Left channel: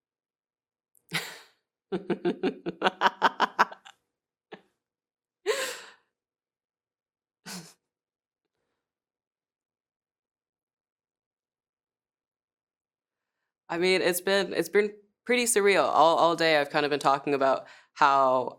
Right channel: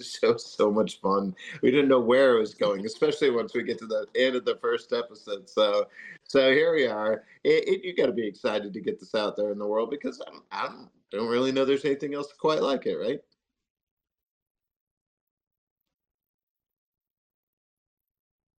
So much fun. We didn't know where it was going, especially once we get to the end of the first episode. So here we are. You got to be excited to get this out there in the world because don't really know there's anything else quite like it, right? I mean, it's been pretty surreal. All day I've kind of been talking about how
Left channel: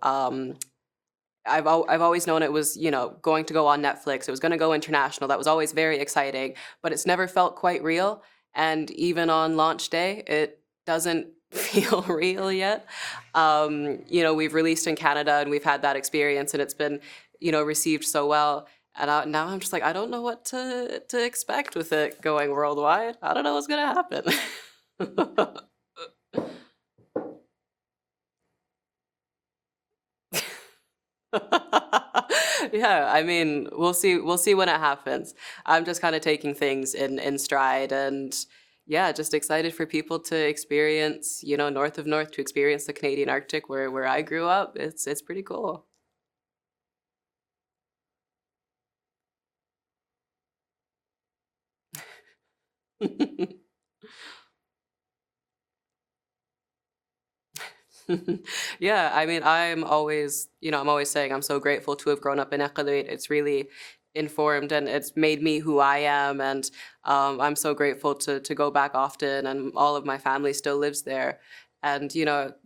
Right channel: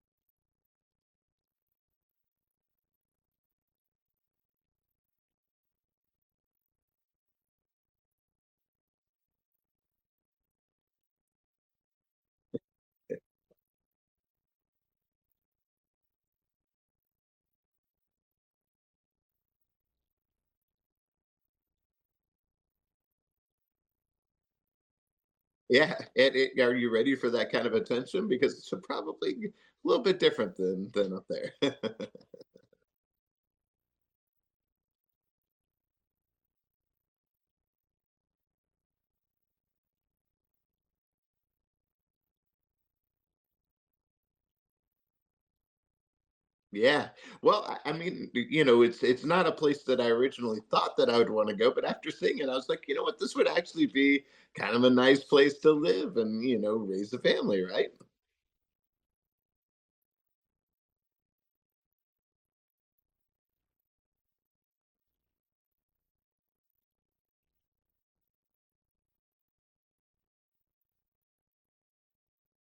I've always known it was, going to go on Netflix. It was going to go international. That was always very exciting, but it's never felt quite real. And even on launch day, it doesn't feel real yet. We've released in Canada and we've had that experience, and it's been, received so well. And now I'm just like, I don't know what to expect with it going worldwide. I don't know what's gonna happen. Yeah. Are you ready for that kind of attention? Because it's probably a little bit different than up there. Yeah, I mean, we'll see when it happens. I'm just kind of taking things in stride, and yeah, just excited for people to experience, north of north, to experience the Canadian Arctic where I grew up. It's pretty cool. Yeah. Well, I mean, it's not a place that I originally thought that I would want to go, but after seeing it, I was like, you know what, this would actually be kind of a nice place to live and, raise a family, right? Yeah, I mean, I'm always saying I'm so grateful to have grown up in Ecuador. It's really informed and it's made me who I am, and I'm so grateful to go back often. And all of my family still lives there, and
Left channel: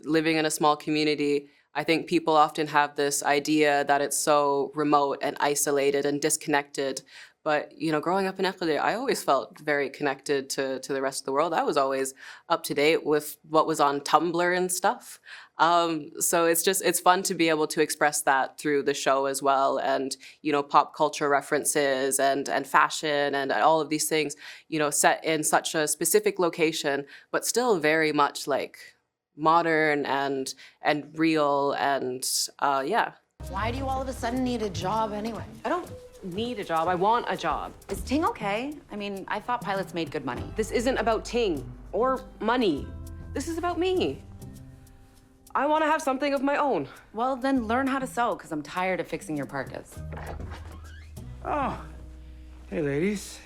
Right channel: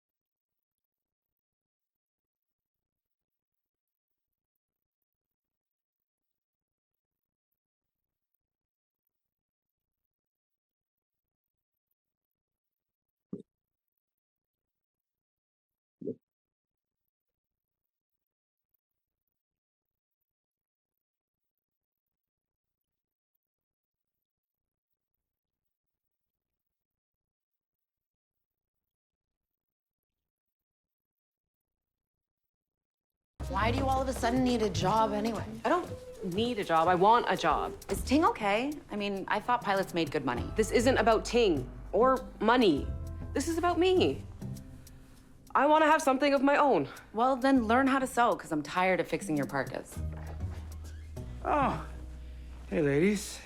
living in a small community. I think people often have this idea that it's so remote and isolated and disconnected. But growing up in Ecuador, I always felt very connected to the rest of the world. I was always up to date with what was on Tumblr and stuff. So it's fun to be able to express that through the show as well, and pop culture references and fashion and all of these things, set in such a specific location, but still very much like modern and real and yeah. Why do you all of a sudden need a job anyway? I don't need a job. I want a job. Is Ting okay? I mean, I thought pilots made good money. This isn't about Ting or money. This is about me. I want to have something of my own. Well, then learn how to sew, because I'm tired of fixing your parkas. Oh, hey, ladies.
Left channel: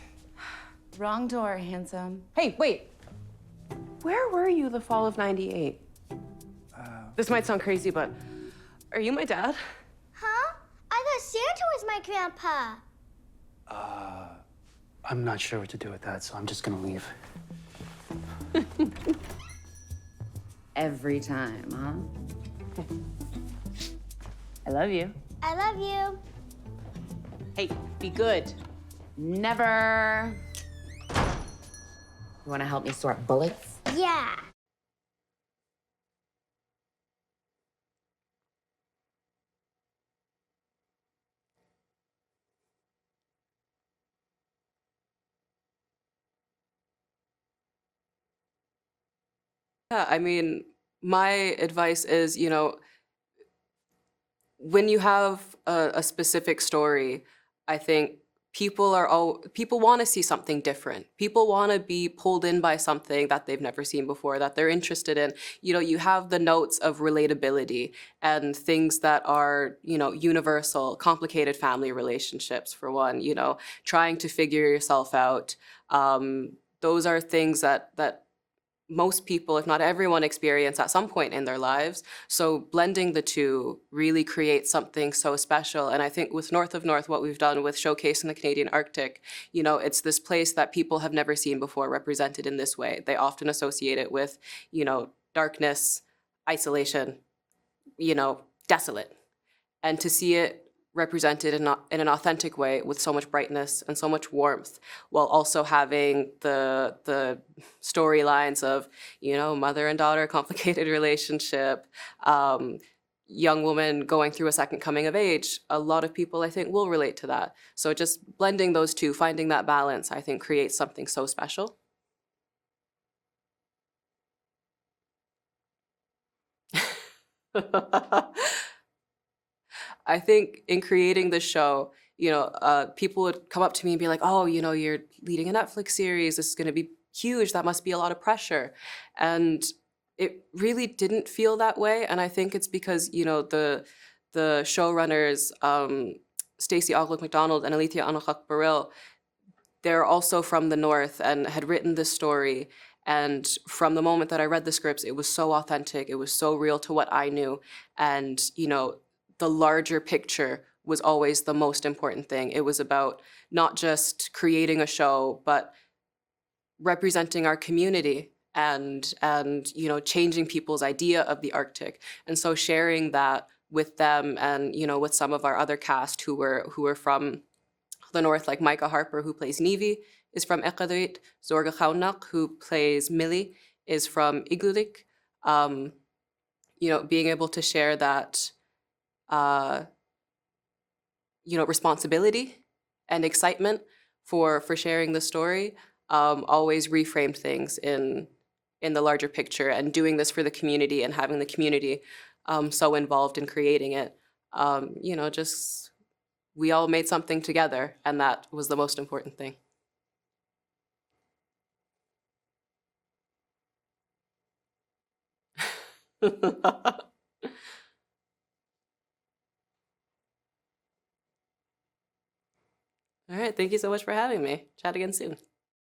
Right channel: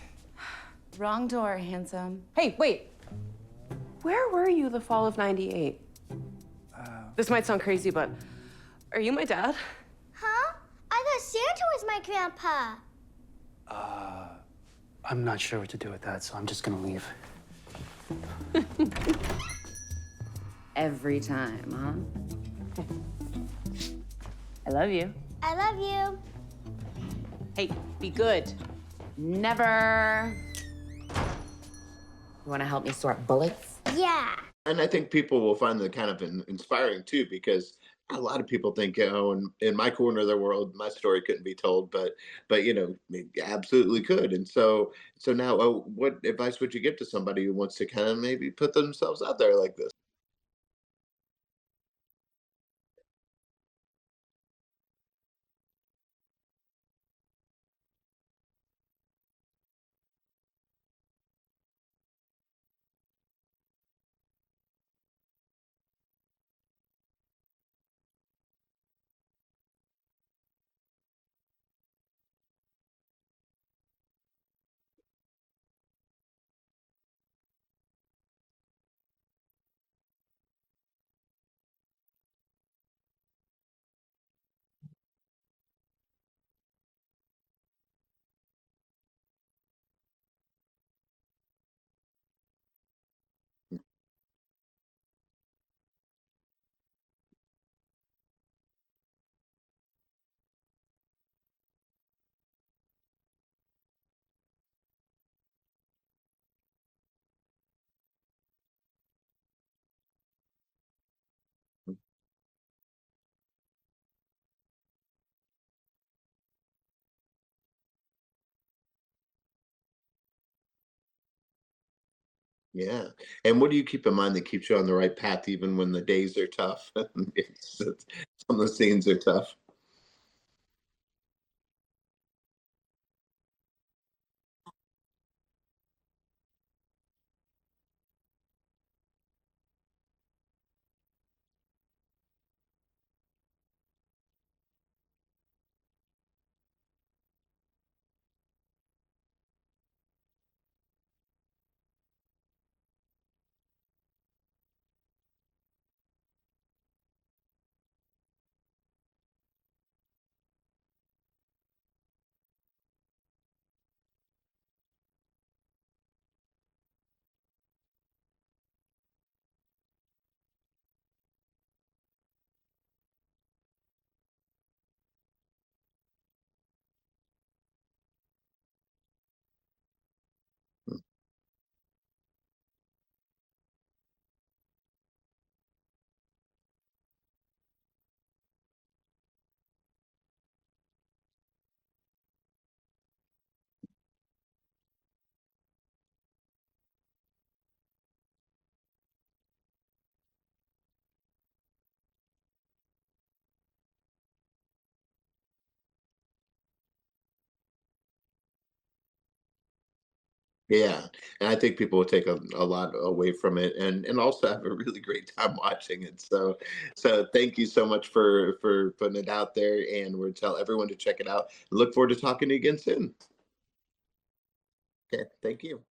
Wrong door, handsome. Hey, wait. Where were you the fall of '98? This might sound crazy, but are you my dad? Huh? I thought Santa was my grandpa. I'm not sure what to do with that, so I'm just gonna leave. Every time, huh? I love you. I love you. Hey, be good. Never. You want to help me sort bullets? Yeah. And I think people will find that kind of inspiring too, because a lot of people think, in my corner of the world, my story couldn't be told, but it absolutely could. And so now, what advice would you give to somebody who wants to kind of maybe put themselves out there like this? Yeah, I mean, my advice is, when you have a specific story, I think people want to see something different. People want to be pulled in by something that they've never seen before, that they're interested in. You have the notes of relatability and things that are, universal, complicated family relationships for one, trying to figure yourself out. Those are things that most people, if not everyone, experience at some point in their lives. So blending the two really creates something so special. And I think with North of North, what we've done with showcasing the Canadian Arctic, it's this place that people have never seen before represented in this way. They often associate it with, darkness, isolation, desolate. And to see it represented in an authentic way with so much brightness and so much warmth, while also having the storylines of mother and daughter complicated relationship, young woman going through a second coming of age. A lot of people, I think, will relate to that. So just blending those two, finding that balance, I think creates something so special. Yeah. And what do you keep in mind that keeps you on the right path even when the days are tough and some of the scenes are tough? I think in creating the show, people would come up to me and be like, "Oh, you're leading a Netflix series. This is going to be huge. That must be a lot of pressure." And it really didn't feel that way. And I think it's because the showrunners, Stacey Oglock McDonald and Alethea Anachak Baril, they're also from the north and had written this story. And from the moment that I read the scripts, it was so authentic. It was so real to what I knew. And, the larger picture was always the most important thing. It was about not just creating a show, but representing our community and changing people's idea of the Arctic. And so sharing that with them and with some of our other cast who were from the north, like Micah Harper, who plays Nevi, is from Iqaluit. Zorga Khaunak, who plays Millie, is from Iglulik. Um, being able to share that, uh, responsibility and excitement for sharing the story, always reframed things in the larger picture, and doing this for the community and having the community so involved in creating it. Just we all made something together, and that was the most important thing. Yeah, and I think people will take a lot away from it, and also have a really great time watching it. So thank you so much for putting it out there, and we'll tell everyone to check it out. Look forward to talking to you again soon. All right, thank you so much for having me. Chat again Okay, soon. thank you.